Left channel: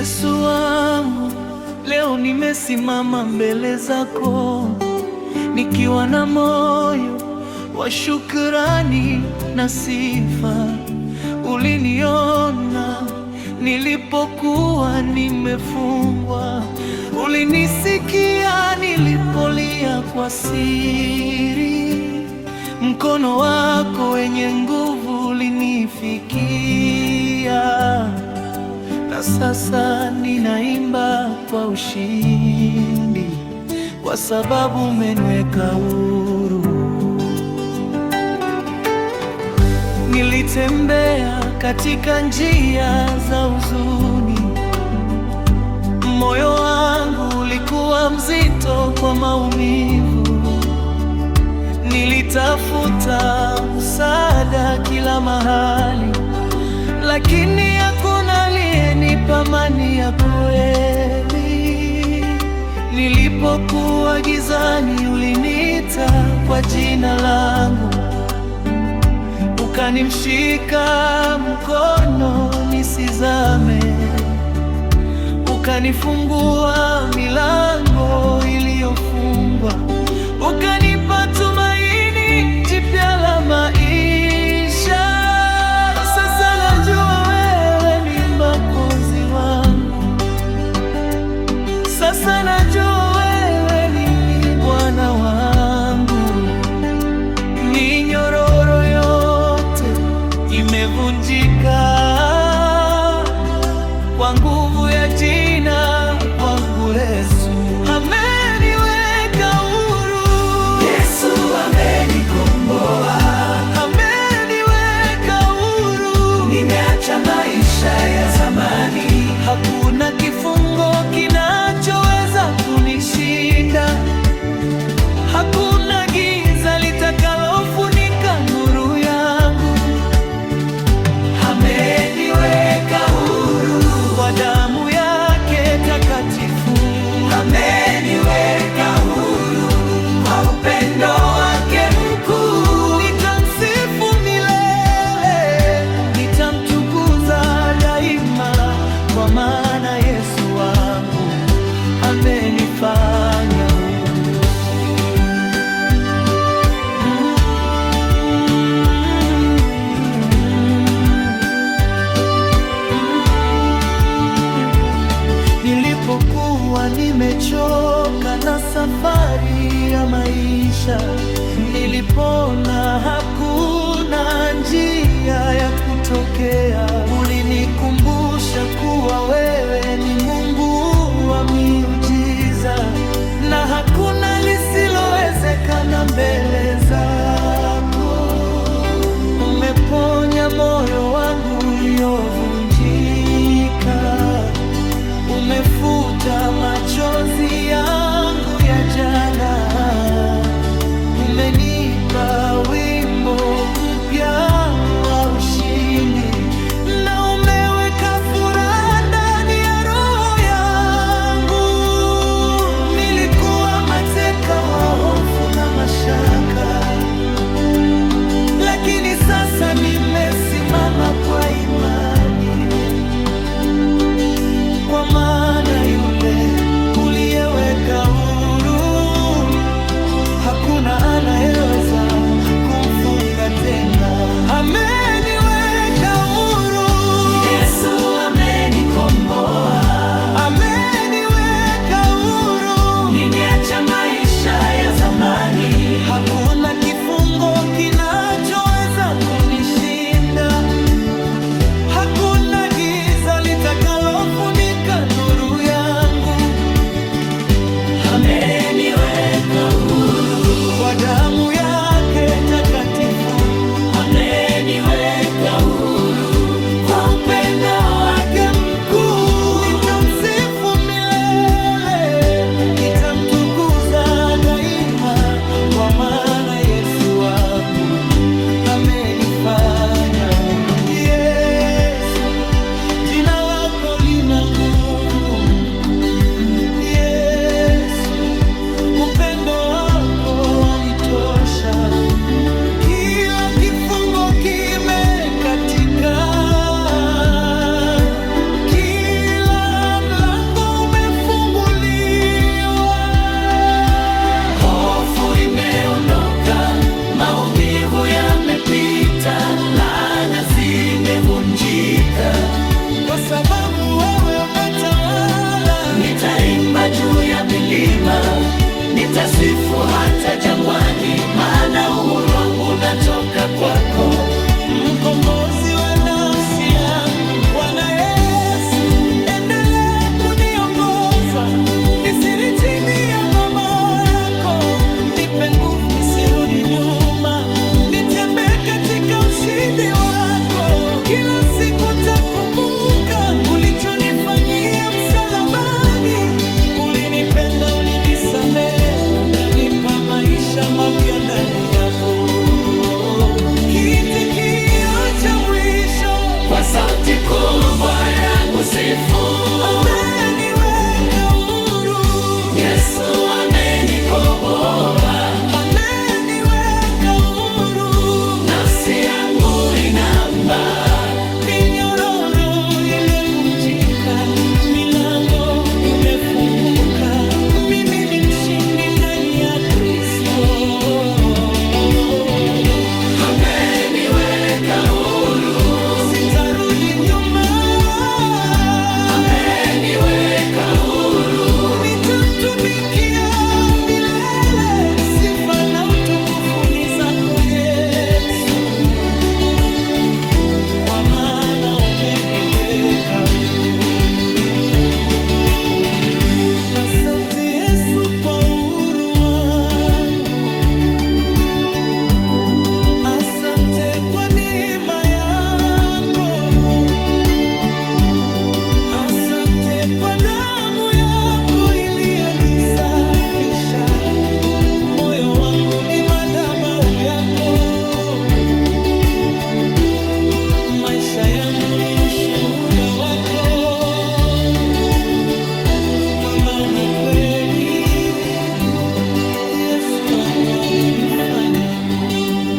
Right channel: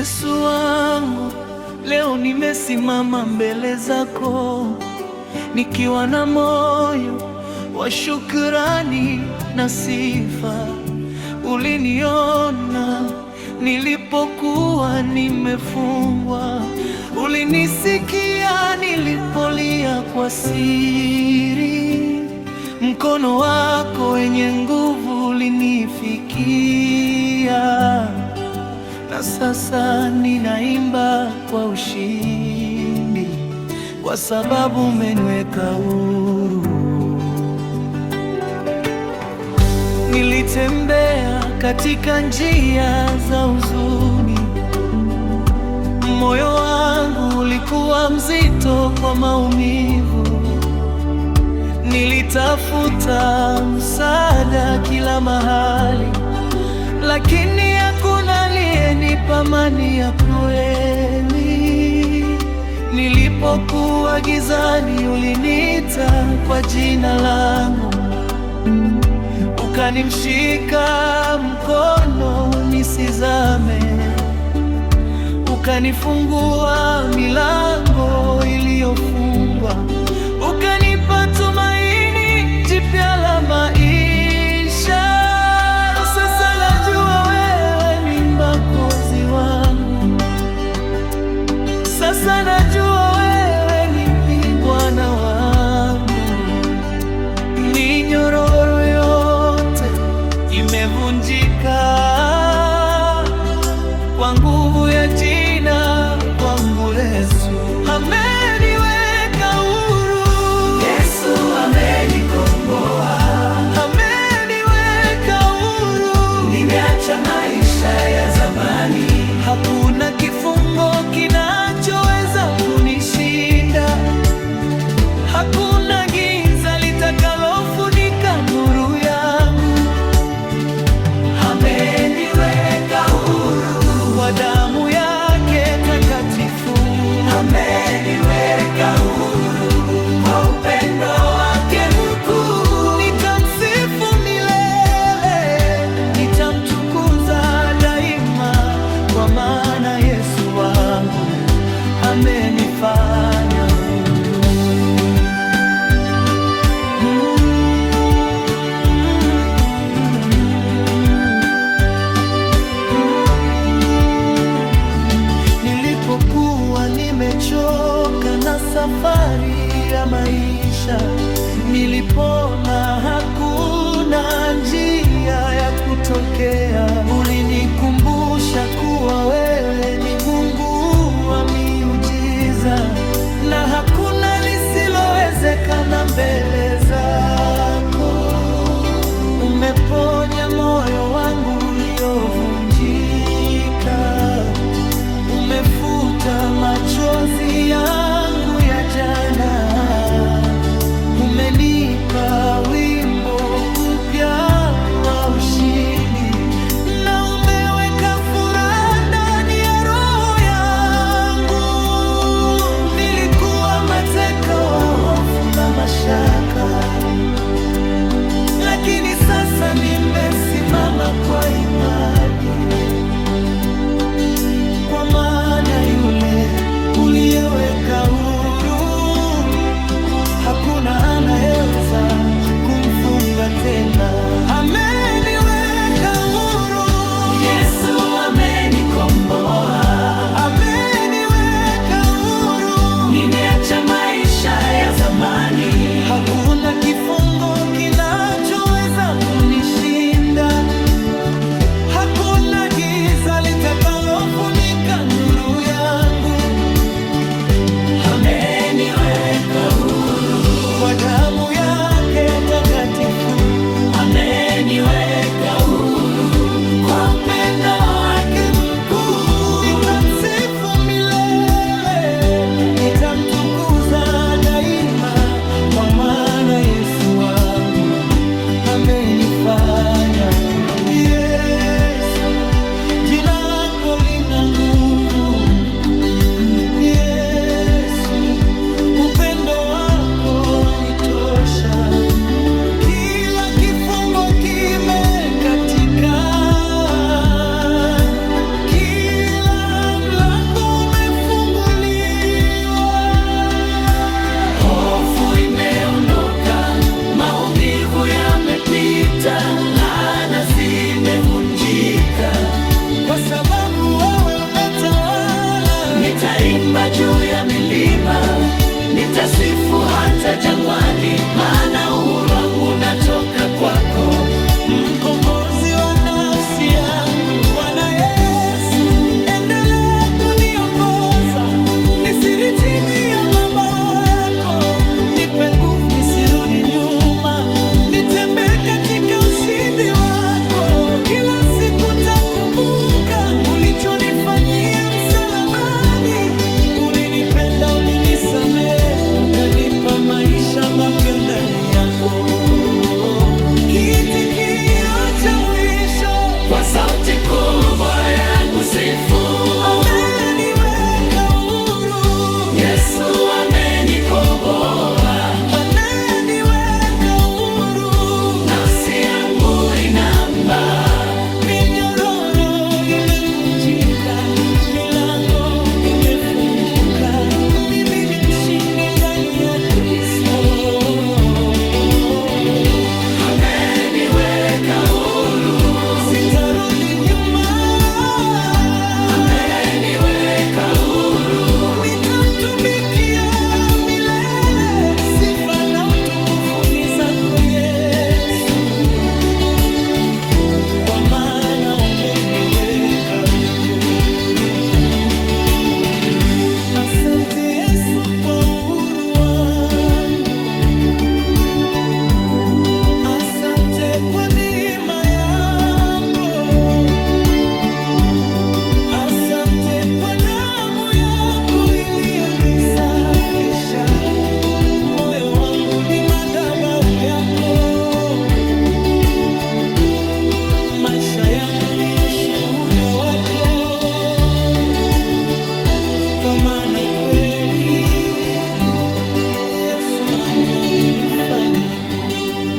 Yesu wangu, leo nimesimama mbele zako nikiwa na moyo wa shukrani na sifa. Uliniona nilipokuwa nimefungwa, ulinisikia nilipolia kwa siri. Mkono wako wenye nguvu ulinifikia, na sasa ninaimba kwa ushindi, kwa sababu umeniweka huru. Nilitembea katika njia za huzuni, moyo wangu ulikuwa mzito kwa maumivu. Nilitafuta msaada kila mahali, lakini hakuna aliyenipa amani ya kweli. Nilipokuwa gizani, uliniita kwa jina langu, ukanimshika mkono nisizame, ukanifungua milango iliyofungwa, ukanipa tumaini jipya la maisha. Sasa najua wewe ni Mwokozi wangu, sasa najua wewe ni Bwana wangu. Minyororo yote imevunjika kwa nguvu ya jina kwangu Yesu. Ameniweka huru, Yesu amenikomboa, ameniweka huru. nimeacha maisha ya zamani. Hakuna kifungo kinachoweza kunishinda, hakuna giza litakalofunika nuru yangu. Ameniweka huru, Kwa damu yake takatifu, ameniweka huru, kwa upendo wake mkuu. nitamsifu milele, nitamtukuza daima, kwa maana Yesu wangu amenifanya huru. Nilipokuwa nimechoka na safari ya maisha, nilipona hakuna njia ya kutokea, ulinikumbusha kuwa wewe ni Mungu wa miujiza, na hakuna lisilowezekana mbele zako. Umeponya moyo wangu uliovunjika, umefuta machozi yangu ya jana, umenipa wimbo mpya wa ushindi, na umeweka furaha ndani ya roho yangu. Nilikuwa mateka wa hofu na mashaka, lakini sasa nimesimama kwa imani, kwa maana yule uliyeweka huru, hakuna anayeweza kumfunga tena. Ameniweka huru, Yesu amenikomboa, ameniweka huru. nimeacha maisha ya zamani. Hakuna kifungo kinachoweza kunishinda, hakuna giza litakalofunika nuru yangu. Ameniweka huru, Kwa damu yake takatifu, ameniweka huru, kwa upendo wake mkuu. nitamsifu milele, nitamtukuza daima, kwa maana Yesu wangu amenifanya huru. Yesu, jina lako lina nguvu. Yesu, upendo wako wanitosha. Kila kifungo kimekatika, kila nitaimba juu ya milima, nitasifu hata jangwani, maana uhuru wangu natoka kwako. Mkombozi wa nafsi yangu, Bwana Yesu, endelea kuniongoza, nisiri chini ya mabawa yako. Nipe nguvu nisirudi nyuma, nitembee katika ushindi wako. Kila siku nitakumbuka ulichonifanyia msalabani. Ulinipenda, ulinisamehe, ukanipa maisha mapya ndani yako. Kitikio cha mwisho kwa sauti kubwa ya kusifu, ameniweka huru, Yesu amenikomboa, ameniweka huru. nafsi yangu inaimba, Minyororo imevunjika, milango imefunguka. Mimi ni mshindi ndani ya Kristo. Sitarudi nyuma, nitamtumikia milele. Sifa na utukufu ni zako Yesu, kwa maana umeniweka huru. Asante Yesu kwa uhuru wangu, asante kwa neema yako, asante kwa damu yako iliyonisafisha. Moyo wangu ni madhabahu yako, maisha yangu ni ushuhuda wako, kwa maana kweli Yesu wangu amenifanya huru.